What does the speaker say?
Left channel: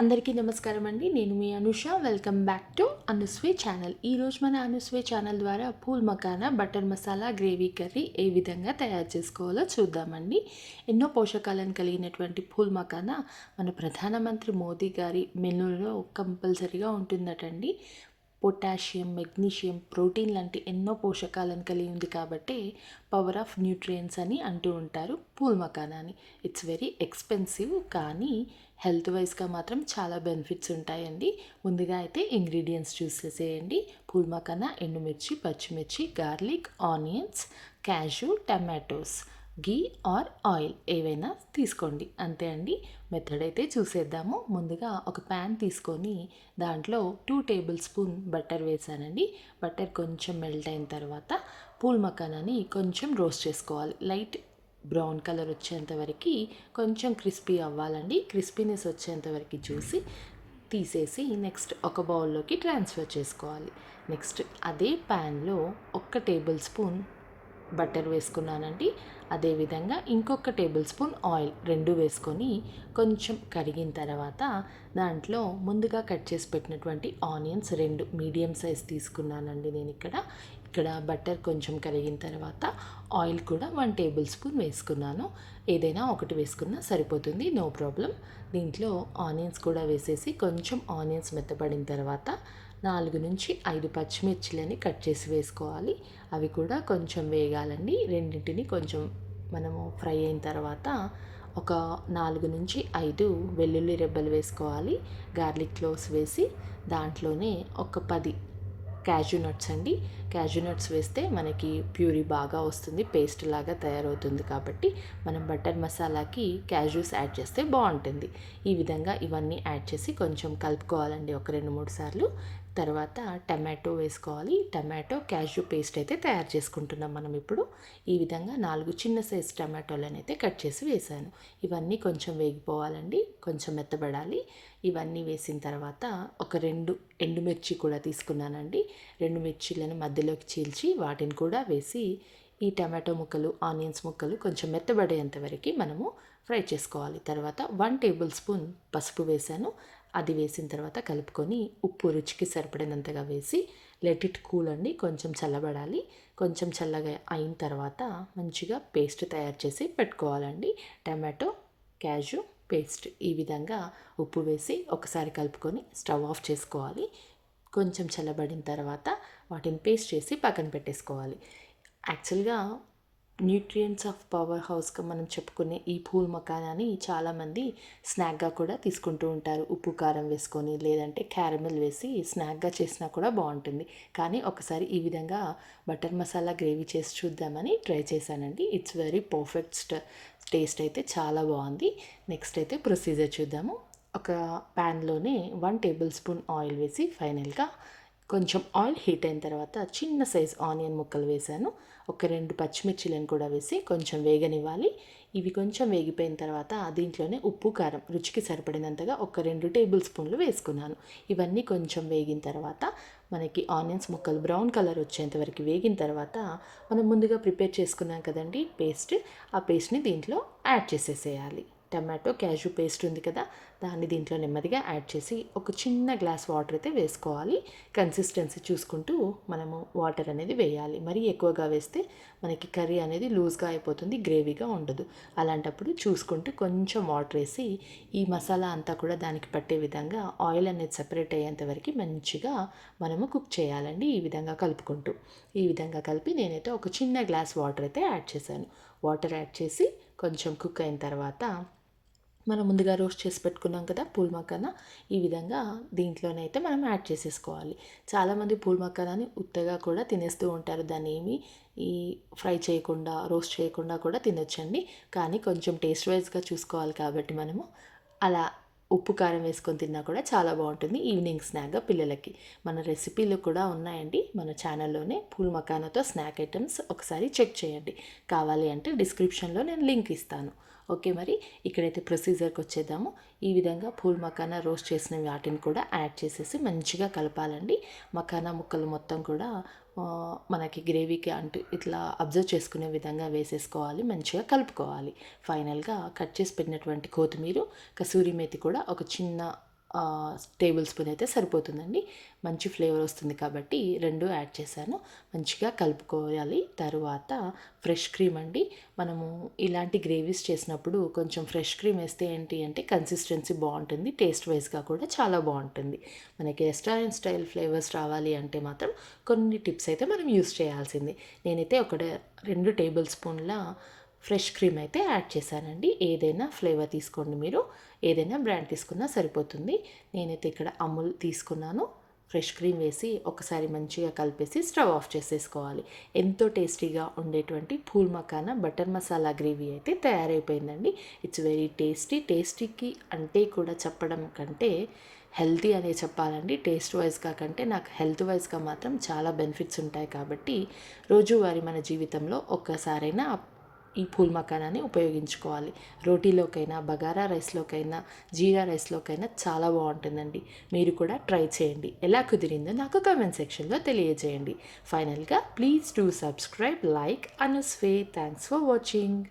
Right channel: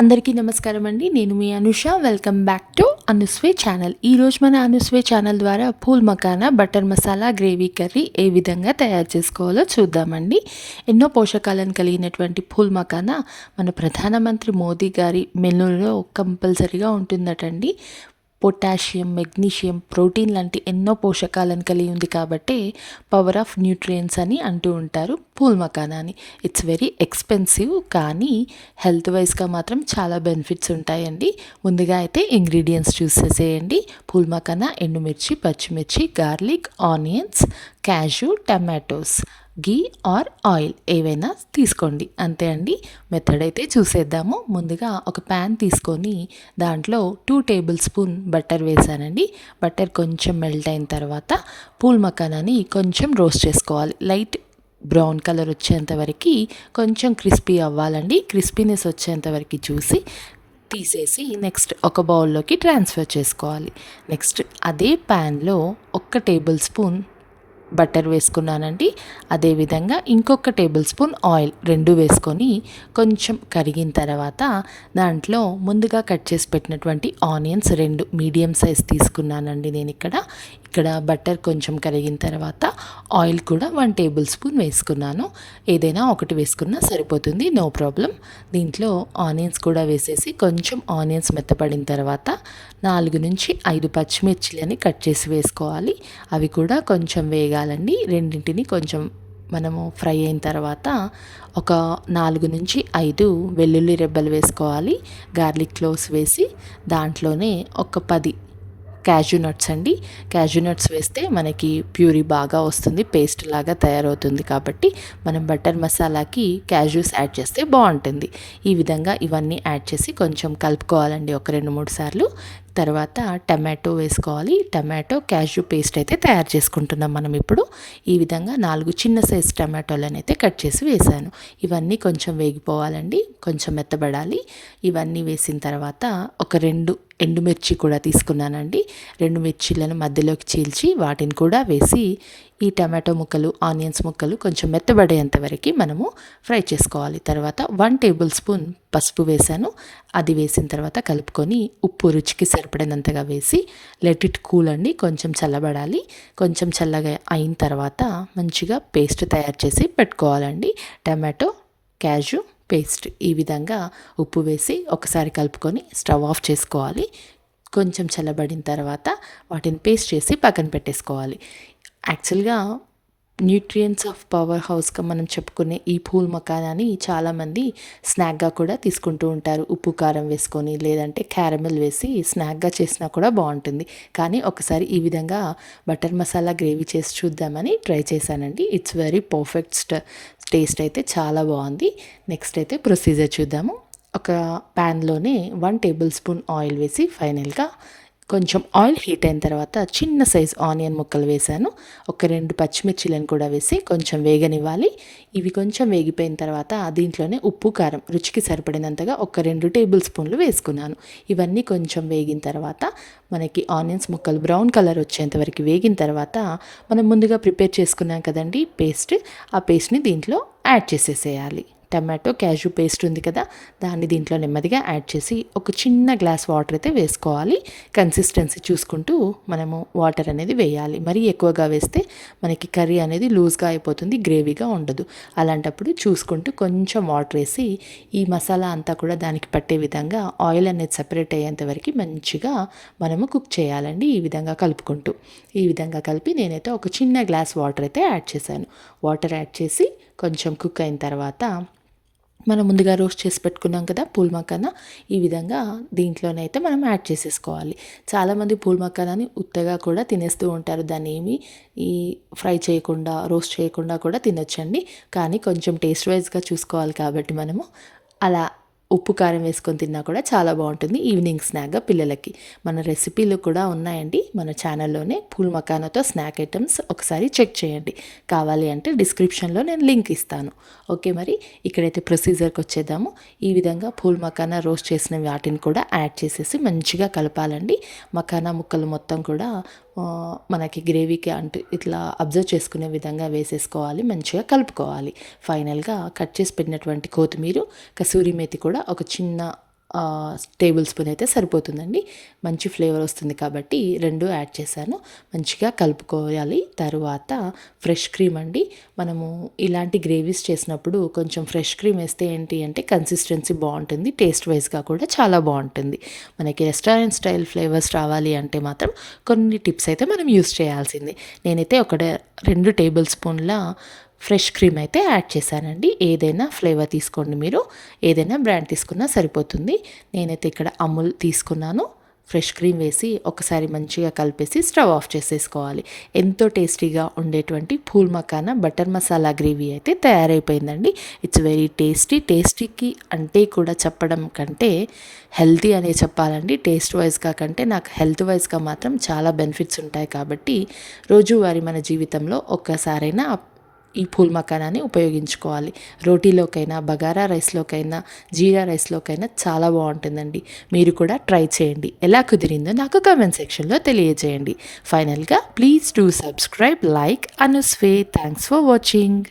అందరికీ నమస్కారం అండి. నేను మీ Anusha. Welcome back to Anuswe channel ఈరోజు మన అనుస్వే ఛానల్ ద్వారా phool makhana butter masala gravy curry ఏ విధంగా తయారు చేసుకోవాలో చూద్దామండి. ఎన్నో పోషకాలను కలిగినటువంటి పూల్ మకానా మన ప్రధానమంత్రి మోదీ గారి మెనూలో కంపల్సరీగా ఉంటుందటండి. పొటాషియం మెగ్నీషియం ప్రోటీన్ లాంటి ఎన్నో పోషకాలను కలిగి ఉంది కాబట్టి పవర్ ఆఫ్ న్యూట్రియంట్స్ అని అంటూ ఉంటారు పూల్ మకానాని. ఇట్స్ వెరీ ఎక్స్పెన్సివ్ కానీ హెల్త్ వైజ్గా మాత్రం చాలా బెనిఫిట్స్ ఉంటాయండి. ముందుగా అయితే ఇంగ్రీడియంట్స్ చూసేసేయండి పూల్ మకానా ఎండుమిర్చి పచ్చిమిర్చి garlic onions cashew tomatoes. Ghee or oil ఏవైనా తీసుకోండి. అంతే అండి. మెథడ్ అయితే చూసేద్దాము. ముందుగా ఒక ప్యాన్ తీసుకొని దాంట్లో టూ టేబుల్ స్పూన్ బటర్ వేసానండి. బటర్ కొంచెం మెల్ట్ అయిన తర్వాత పూల్ మకానాని కొంచెం రోస్ట్ చేసుకోవాలి. లైట్ బ్రౌన్ కలర్ వచ్చేంత వరకు కొంచెం క్రిస్పీ అవ్వాలండి. క్రిస్పీనెస్ వచ్చేంత వరకు చూసి తీసేసి నెక్స్ట్ ఒక బౌల్లోకి ట్రాన్స్ఫర్ చేసుకోవాలి. నెక్స్ట్ అదే ప్యాన్లో ఒక్క టేబుల్ స్పూన్ బటర్ వేసుకున్నానండి. అదేవిధంగా ఇంకొక టేబుల్ స్పూన్ ఆయిల్ రెండు వేసుకొని కొంచెం కరిగిన తర్వాత దాంట్లో ముందుగా కట్ చేసి పెట్టినటువంటి ఆనియన్స్ రెండు మీడియం సైజ్ తీసుకున్నానండి నేను ఇక్కడ ఇక్కడ బటర్ కొంచెం కరిగిన తర్వాత ఆయిల్ కూడా వన్ టేబుల్ స్పూన్ వేసుకున్నాను. ఏదైనా ఒకటి వేసుకున్నా సరిపోతుంది నో ప్రాబ్లం. దీంట్లో ఆనియన్స్ కూడా వేసేసి కొంచెం ఆనియన్స్ మెత్తపడిన తర్వాత నాలుగు నుంచి ఐదు పచ్చిమిర్చిలని కట్ చేసి వేసుకోవాలి. అవి కూడా కొంచెం వేగాలండి. రెండింటిని కొంచెం మనము ఫ్రై అయిన తర్వాత ఒక నాలుగు నుంచి ఐదు వెల్లుల్లి రెబ్బలు వేసుకోవాలి. గార్లిక్ క్లోవ్స్ వేసి దాంట్లోనే ఒక పది క్యాజు నట్స్ అండి. క్యాజు నట్స్ వేస్తే మనకి ప్యూరీ బాగా వస్తుంది పేస్ట్ లాగా తయారవుతుంది కాబట్టి మనం బటర్ మసాలాకి క్యాజూస్ యాడ్ చేస్తే బాగుంటుంది. ఈ విధంగా ఇవన్నీ యాడ్ చేసి కొంచెం కలుపుకోవాలండి ఒక రెండు మూడు సార్లు. తర్వాత టమాటో వేసుకోవాలి. టమాటో క్యాషు పేస్ట్ అయితే తయారు చేసుకుంటున్నాం మనం ఇప్పుడు. ఈ విధంగా నాలుగు చిన్న సైజ్ టమాటోలను అయితే కట్ చేసి వేసాను. ఇవన్నీ కొంచెం వేగిపోవాలండి. కొంచెం మెత్తబడాలి. ఇవన్నీ వేసిన తర్వాత ఒక రెండు ఎండుమిర్చి కూడా తీసుకున్నానండి. రెండు మిర్చీలను మధ్యలోకి చీల్చి వాటిని కూడా వేసి ఈ టమాటో ముక్కలు ఆనియన్స్ ముక్కలు కొంచెం మెత్తబడేంత వరకు మనము ఫ్రై చేసుకోవాలి. తర్వాత వన్ టేబుల్ స్పూన్ పసుపు వేసాను. అది వేసిన తర్వాత కలుపుకొని ఉప్పు రుచికి సరిపడినంతగా వేసి లెట్ ఇట్ కూల్ అండి. కొంచెం చల్లబడాలి. కొంచెం చల్లగా అయిన తర్వాత మంచిగా పేస్ట్ తయారు చేసి పెట్టుకోవాలండి. టమాటో క్యాజు పేస్ట్ ఈ విధంగా ఉప్పు వేసి ఒకసారి కలుపుకొని స్టవ్ ఆఫ్ చేసుకోవాలి. కొంచెం చల్లబడిన తర్వాత వాటిని పేస్ట్ చేసి పక్కన పెట్టేసుకోవాలి. యాక్చువల్గా న్యూట్రియంట్స్ ఆఫ్ పవర్ హౌస్గా మనం చెప్పుకునే ఈ పూల్ మకానాని చాలామంది స్నాక్గా కూడా తీసుకుంటూ ఉంటారు. ఉప్పు కారం వేసుకొని లేదంటే క్యారమెల్ వేసి స్నాక్గా చేసినా కూడా బాగుంటుంది. కానీ ఒకసారి ఈ విధంగా బటర్ మసాలా గ్రేవీ చేసి చూద్దామని ట్రై చేశానండి. ఇట్స్ వెరీ పర్ఫెక్ట్ టేస్ట్ అయితే చాలా బాగుంది. నెక్స్ట్ అయితే ప్రొసీజర్ చూద్దాము. ఒక ప్యాన్లోనే వన్ టేబుల్ స్పూన్ ఆయిల్ వేసి ఫైనల్గా కొంచెం ఆయిల్ హీట్ అయిన తర్వాత చిన్న సైజ్ ఆనియన్ ముక్కలు వేసాను ఒక రెండు పచ్చిమిర్చిలను కూడా వేసి కొంచెం వేగనివ్వాలి. ఇవి కొంచెం వేగిపోయిన తర్వాత దీంట్లోనే ఉప్పు కారం రుచికి సరిపడినంతగా ఒక రెండు టేబుల్ స్పూన్లు వేసుకున్నాను. ఇవన్నీ కొంచెం వేగిన తర్వాత మనకి ఆనియన్స్ ముక్కలు బ్రౌన్ కలర్ వచ్చేంత వరకు వేగిన తర్వాత మనం ముందుగా ప్రిపేర్ చేసుకున్నాం కదండి పేస్ట్. ఆ పేస్ట్ని దీంట్లో యాడ్ చేసేసేయాలి. టమాటో క్యాజు పేస్ట్ ఉంది కదా దాన్ని దీంట్లో నెమ్మదిగా యాడ్ చేసి ఒక చిన్న గ్లాస్ వాటర్ అయితే వేసుకోవాలి. కన్సిస్టెన్సీ చూసుకుంటూ మనము వాటర్ అనేది వేయాలి. మరీ ఎక్కువగా వేస్తే మనకి కర్రీ అనేది లూజ్గా అయిపోతుంది గ్రేవీగా ఉండదు. అలాంటప్పుడు చూసుకుంటూ కొంచెం వాటర్ వేసి ఈ మసాలా అంతా కూడా దానికి పట్టే విధంగా ఆయిల్ అనేది సపరేట్ అయ్యేంత వరకు మంచిగా మనము కుక్ చేయాలండి. ఈ విధంగా కలుపుకుంటూ. ఈ విధంగా కలిపి నేనైతే ఒక చిన్న గ్లాస్ వాటర్ అయితే యాడ్ చేశాను. వాటర్ యాడ్ చేసి కొంచెం కుక్ అయిన తర్వాత మనం ముందుగా రోస్ట్ చేసి పెట్టుకున్నాం కదా పూల్ మకానా. ఈ విధంగా దీంట్లోనైతే మనం యాడ్ చేసేసుకోవాలి. చాలామంది పూల్ మకానాని ఉత్తగా కూడా తినేస్తూ ఉంటారు. దాన్ని ఏమి ఈ ఫ్రై చేయకుండా రోస్ట్ చేయకుండా కూడా తినొచ్చండి. కానీ కొంచెం టేస్ట్ వైజ్గా చూసుకోవాలి కాబట్టి మనము. అలా ఉప్పు కారం వేసుకొని తిన్నా కూడా చాలా బాగుంటుంది. ఈవినింగ్ స్నాక్గా పిల్లలకి. మన రెసిపీలు కూడా ఉన్నాయండి. మన ఛానల్లోనే పూల్ మకానాతో స్నాక్ ఐటమ్స్ ఒకసారి చెక్ చేయండి. కావాలి అంటే డిస్క్రిప్షన్లో నేను లింక్ ఇస్తాను. ఓకే మరి? ఇక్కడైతే ప్రొసీజర్కి వచ్చేద్దాము. ఈ విధంగా పూల్ మకానా రోస్ట్ చేసిన వాటిని కూడా యాడ్ చేసేసి మంచిగా కలపాలండి. మకానా ముక్కలు మొత్తం కూడా మనకి గ్రేవీకి అంటూ ఇట్లా అబ్జర్వ్ చేసుకునే విధంగా వేసేసుకోవాలి మంచిగా కలుపుకోవాలి. ఫైనల్గా కట్ చేసి పెట్టినటువంటి కొత్తిమీర కసూరి మేతి కూడా ఒక చిన్న టేబుల్ స్పూన్ అయితే సరిపోతుందండి. మంచి ఫ్లేవర్ వస్తుంది కాబట్టి రెండు యాడ్ చేశాను. మంచిగా కలుపుకోవాలి. తరువాత ఫ్రెష్ క్రీమ్ అండి. మనము ఇలాంటి గ్రేవీస్ చేసినప్పుడు కొంచెం ఫ్రెష్ క్రీమ్ వేస్తే ఏంటి అంటే కన్సిస్టెన్సీ బాగుంటుంది. టేస్ట్ వైజ్గా కూడా చాలా బాగుంటుంది. మనకి రెస్టారెంట్ స్టైల్ ఫ్లేవర్స్ రావాలి అంటే మాత్రం కొన్ని టిప్స్ అయితే మనం యూస్ చేయాల్సింది. నేనైతే ఒక రెండు టేబుల్ స్పూన్ల ఫ్రెష్ క్రీమ్ అయితే యాడ్ చేశానండి. ఏదైనా ఫ్లేవర్ తీసుకోండి మీరు. ఏదైనా బ్రాండ్ తీసుకున్నా సరిపోతుంది. నేనైతే ఇక్కడ అమూల్ తీసుకున్నాను. ఫ్రెష్ క్రీమ్ వేసి ఒకసారి మంచిగా కలిపేసి స్టవ్ ఆఫ్ చేసేసుకోవాలి. ఎంతో టేస్టీగా ఉండేటువంటి పూల్ మకానా బటర్ మసాలా గ్రేవీ అయితే తయారైపోయిందండి. ఇట్స్ వెరీ టేస్టీ టేస్టీకి అంటే కూడా చెప్పడం కంటే హెల్తీ అనే చెప్పాలండి. టేస్ట్ వైజ్గా కంటే నాకు హెల్త్ వైజ్గా మాత్రం చాలా బెనిఫిట్స్ ఉంటాయి కాబట్టి రోజువారీ మన జీవితంలో ఒక్కసారైనా ఈ పూల్ మకానాన్ని ఉపయోగించుకోవాలి. రోటీలోకైనా బగారా రైస్లోకైనా జీరా రైస్లోకైనా చాలా బాగుంటుందండి. మీరు కూడా ట్రై చేయండి. ఎలా కుదిరిందో నాకు కామెంట్ సెక్షన్లో తెలియజేయండి. ఫైనల్గా please do subscribe like Anuswe. Thanks for watching.